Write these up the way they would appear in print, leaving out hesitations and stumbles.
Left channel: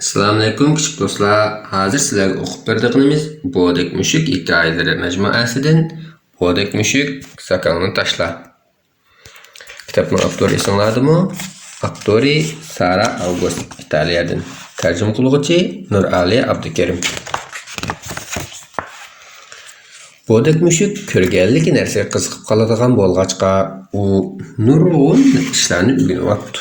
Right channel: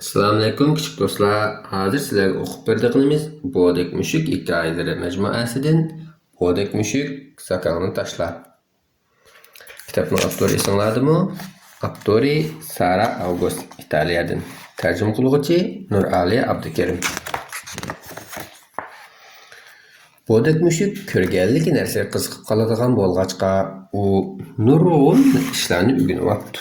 Assalamu alaykum küçük dostlar. Hazır sizlerge okup berdiğimiz Bodek Müşük hikayeleri mecmuasidan Bodek Müşük sakalını taşla. Kitapның avtori isimladımı? Avtori Sara August İtalyadan. Tercüme kılgıcı Nurali Abdukerim. Bodek Müşük körgellik nerse kızıqıp kaladigan bolgaçqa u nurgun işlerini ügünüp atdı.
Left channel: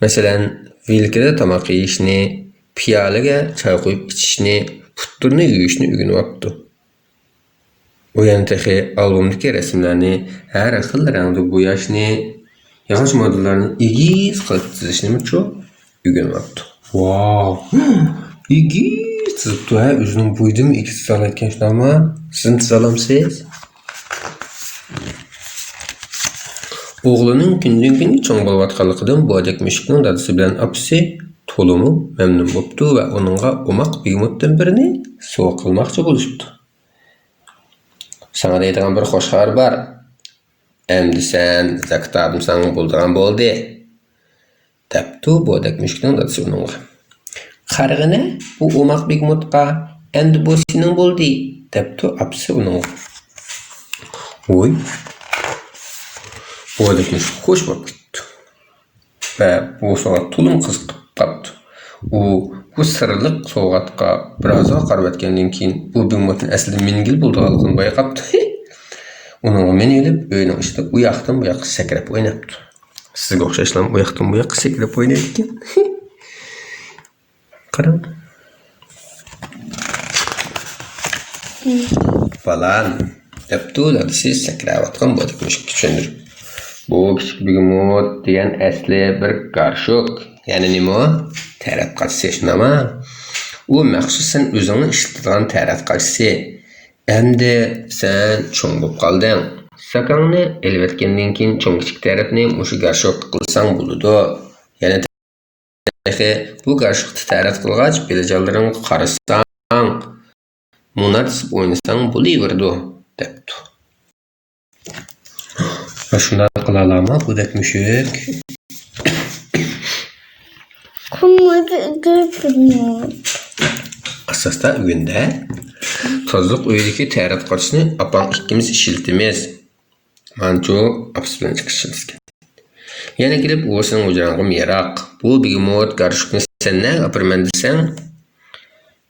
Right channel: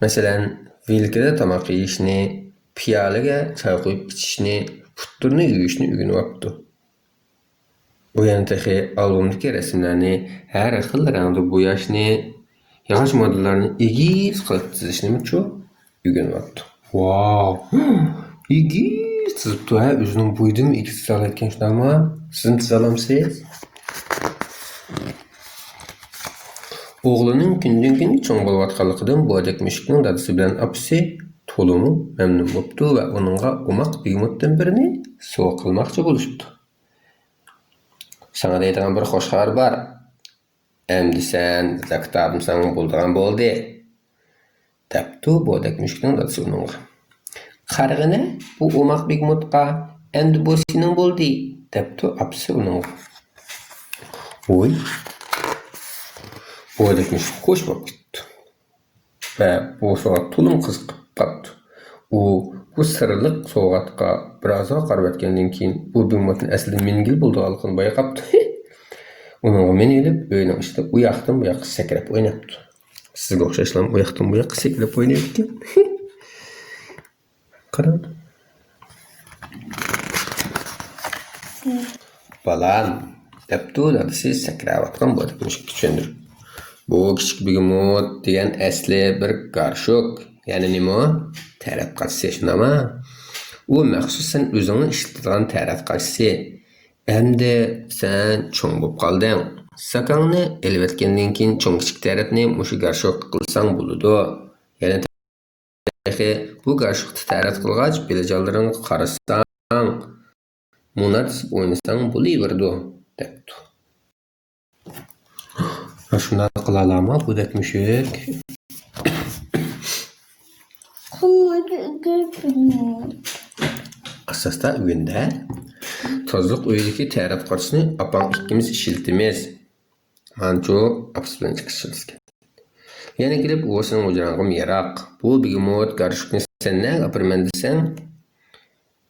Mesela Vilkede tamak yeyişini, piyalega çay koyup içişini, putturunu yuyuşunu ügünüp aptı. O yanıtaki albümdeki resimlerini, her akıllı rengde boyashını, yağış modellerinin igiz kılıp çizişini çok ügünüp aptı. Wow! İgiz çizipti ha, özünün buydu mu ikisi sağla etken şunu ama sizin çizalamsınız. Oğlunun günden-güne çoğ bolup atkanlıqdan Bodek Müşüknün dadısı bilen apisi tolumu memnun boptu ve onunğa umak bigmutdan birini soğuk kılmakçı buluşuptu. Sana deydiğin bir hoş haber var. Emdi sen kitabım sana bulduğun boldu. Depti Bodek Müşüknün dadısı onunğa. Kargına bu umak bigmutqa endi bu senin boldu. Depti apisi onunğa. Oy. Bodek Müşük hoş bakıttı. Ve bu soğuk tulum kızıqıp qaptı. Bu sırlıq soğuqatqa birazga qarab etkenden keyin bu bigmutun aslida mengil bulduğanlığını bayqaptı. Onunğa men elip öyünün içinde u yaqdan bu yaqqa sakrap oynaptı. Sizga o'xshashlar u yaqdan bu yaqqa sakrap oynaydi ekan. Qarang. Falan. Deptu siz sakrab atgan Bodek Müşük tushundirib. Bu küçük bigmut diyen asli bir garşuk. Yani nima? Taratqaçısı şunama. U məxsusən özünün işlətdiğin taratqaçısı. Endi sen çoğ bolup qaldın. Sakalını elbetkenden keyin çoğ kichik taratni o'sha garşuk qilsang buludu. Yani bu garşukni tarat qilgach belajallaring qarasang, munat o'ynasang bo'laverdi debdi. Şundan kılalama Bodek Müşük. Asasta ügünde tozluq uydaki tarat qarşısını apam ikkimiz işiltimiz. Manço apis bilen çıkışılızken. Yana gelip oğusun ucağın merak. Bu bigmut garşukni sen ne yapırman desen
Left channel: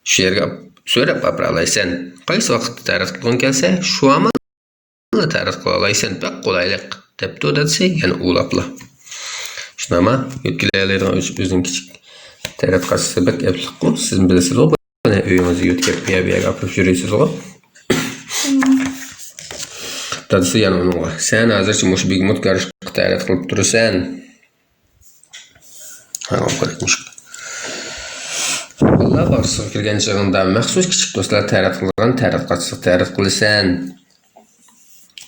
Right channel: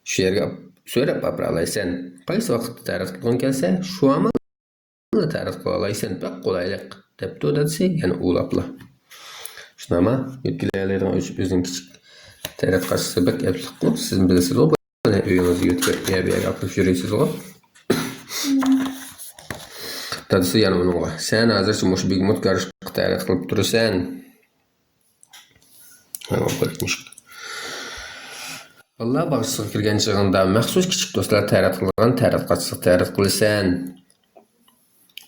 şu yerge söylep aparalaysan. Qaysi vaqt tarat qılğın kelse şu ama tarat qılalaysan pek kolaylık. Depti o dadisi yani ulapla. Şunama yötkilerlerin özün kichik tarat qaçısı bek eplik bu. Sizin bilesiz o. Bana öyünüzü yötkep bir yer kapıp jürüysiz o. Dadisi yani onunla. Sen hazırçı muş bigmut garşuk tarat qılıp durursan. Ha o kadar muş. Vallahi bağırsığa kirgen çağında məxsus kichik dostlar tarat qılğan tarat qaçısı tarat qılırsan.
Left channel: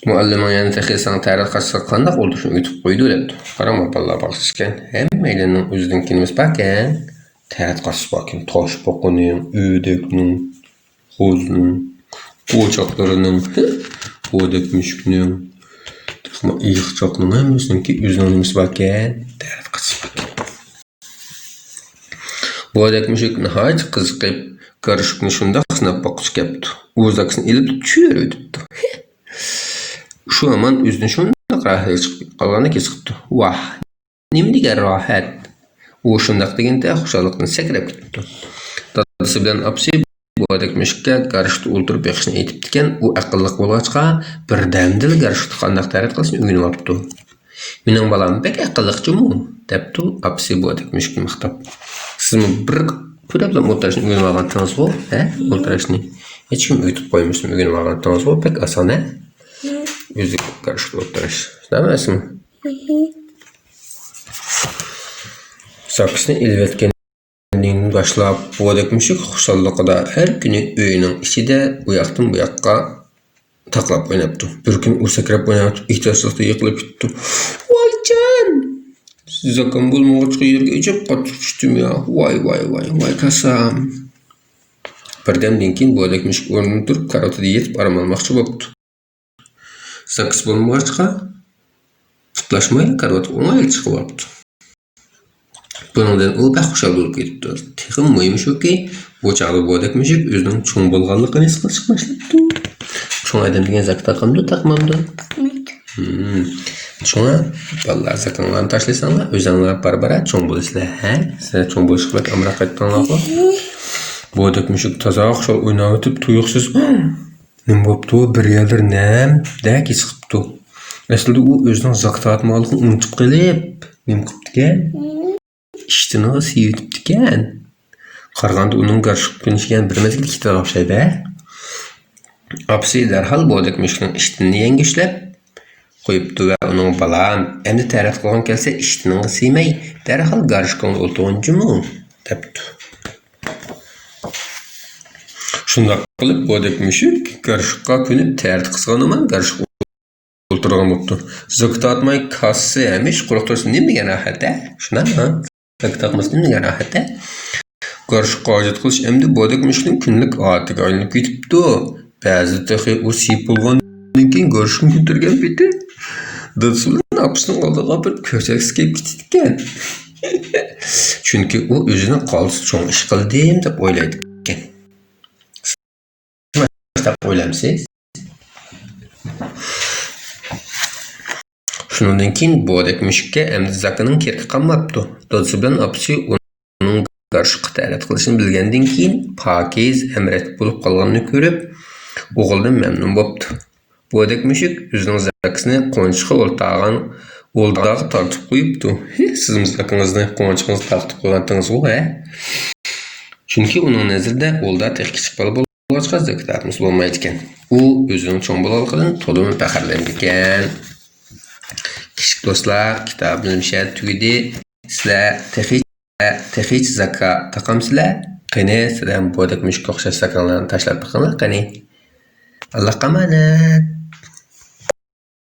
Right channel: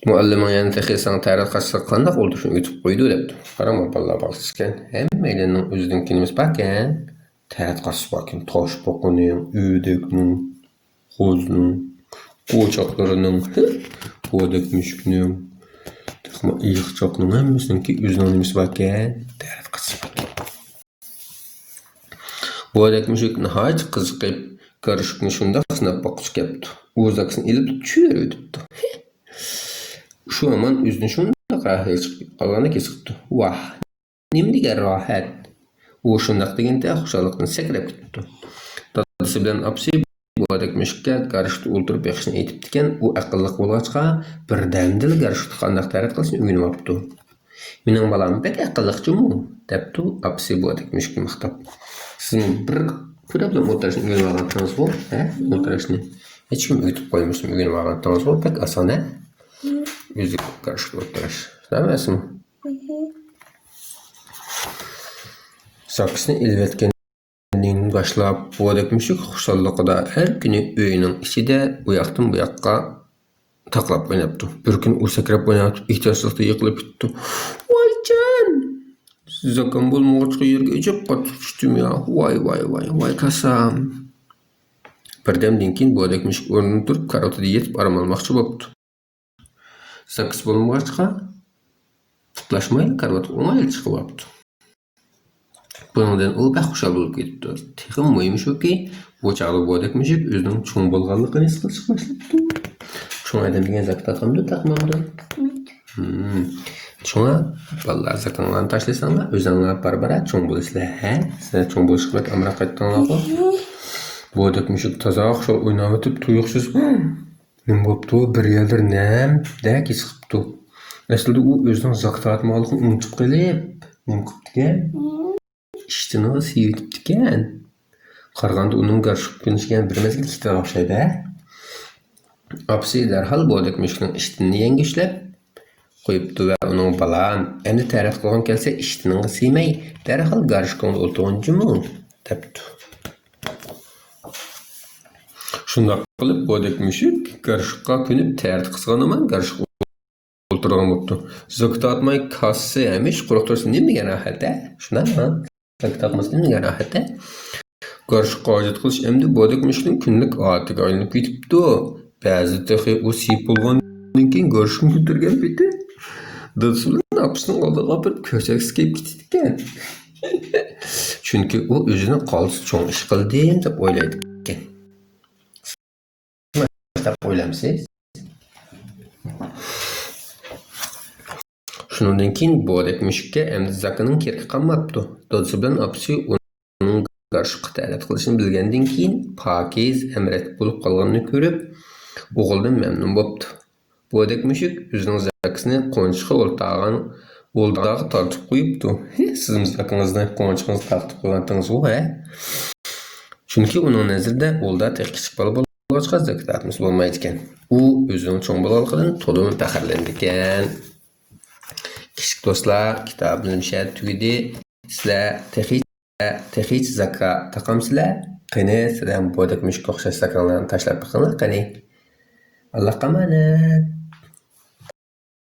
Muallimin yani texi sana tarat qaçısı qandaq oldu şunu ütüp qoydu depdi. Qarama vallahi bağırsızken. Hem eylenin özüden kendimiz bakın. Tarat qaçısı bakın. Taş bokunun, ödeknin, qozunun, uçaklarının, Bodek Müşüknün, iyıqçaqlının hemmisinin ki özünün bakın. Tarat qaçısı bakın. Bodek Müşük nihayet kızıqıp garşukni şundaq sınab bakışı kepdi. Uzaksını elip çür ödüpdi. Şu aman üzünü şundaq rahat çıkıp qalğanı kesipdi. Vah, nimdiga rahat. O şundaq degende xoşallıqdan sakrab ketdi. Dadısı bilen apsi Bodek Müşükke garşukni o'ltirib beqishni aytibdikan, u aqlliq bo'lg'achqa birdamdil garshukni qandaq tarat qilishni o'rganib olibdi. Mening balam bek aqlliqchi-mu, debdi apsi Bodek Müşükni maqtab. Siz bir ko'plab o'tirishni o'rganib olgandingiz ku, o'tirishni. Hech kim o'tib qo'ymishni o'rganib olgandingiz ku, pek oson a? Yüzük karşılığı oturuş. Demez mi? Sakısını elbetkenliğini başlayıp Bodek Müşük xoşallıqda her günü öyünün içinde bu yaktan bu yakka taklap oynaptı. Bir gün o sakrap oynaptı. İhtiyaçlıqda yıkılıp gitti. Vay can! Size kan bulmağa yerge ecep qatıp düştüm ya. Vay kasam. Birdemden keyin Bodek Müşük o'rnidan turib karotada yetib aram olmoqchi bo'libdi. Sakız bo'lmag'achqa tutlaşmayla karavot o'ng'ay chiqib olibdi. Buningdan u baxushal bo'lib ketdi. Texim muhimi shuki, bu chaqda bo'dak mushuk o'zining cho'ng bo'lganligini his qilishga boshladi. Cho'ng odam degan zak taqamdi, taqmamdi. Shuna bolalar zakonlarni tashlasanglar, o'zinglar barbara cho'ng bo'lasizlar, ha? Sizlar cho'ng bo'lishga amra qaytdinglarmi? Bo'dak mushuk toza xushal o'ynab o'tib, tuyuqsiz nima bo'pti? Bir yerlar namda his qilibdi. Aslida u o'zining zak taqmaligini unutib qolib, nima qilibdi-kan? İştini siyitibdikan. Qaraganda uning qarshi kunishgan bir mezgil ikkita o'xshaydi. Apsi darhol bo'dak mushukning ishtinini yangishlab qo'yibdi va uning balam endi taraf qilgan kelsa ishtining siymay darhol garishqonga o'tirganjimu debdi. Shunday qilib bo'dak mushuk garishqqa kunib tarif qilgan garishq o'tirgan bo'ldi. Zoktatmay kassa hamish quruq tursin degan rahat-a? Shunami? Zoktatmasdan degan rahat-a? Garishqqa hojat qilish endi bo'dak mushukning kunlik odatiga aylanib ketibdi. Ba'zi texi u siyib bo'lgandan keyin garishqni ko'targan beti dadasi bilan apisining oldiga bir ko'chakisi kelib ketgan. Chunki u o'zini qolsi cho'ng ish qildim deb o'ylaydi ekan. Nima o'ylamsiz? Shundan keyin bo'dak mushukka endi zakining kerki qolmabdi. Dadasi bilan apisi uning garishqqa ta'rif qilishini bilgandan keyin pokiz amrat bo'lib qolganini ko'rib, o'g'ildan mamnun bo'pti. Bo'dak mushuk o'zining zakisini qo'nchiqqa o'ldaga tortib qo'yibdi. Sizning zakingizni qo'nchiqingizni tortib qo'ygandingiz-ku, ha? Chunki uning nazarida o'lda tek kichik bola bo'lg'achqa zaklarimiz bo'lmaydi ekan. U o'zining cho'ng bo'lanligidan to'liq faxrlanadi ekan. Kichik do'stlar, kitobimiz tugadi. Sizlar texich zaka taqamsizlar. Qani sizlar bo'dak mushukka o'xshash zakonlarni tashlab qo'yinglar, qani. Allohga omonat.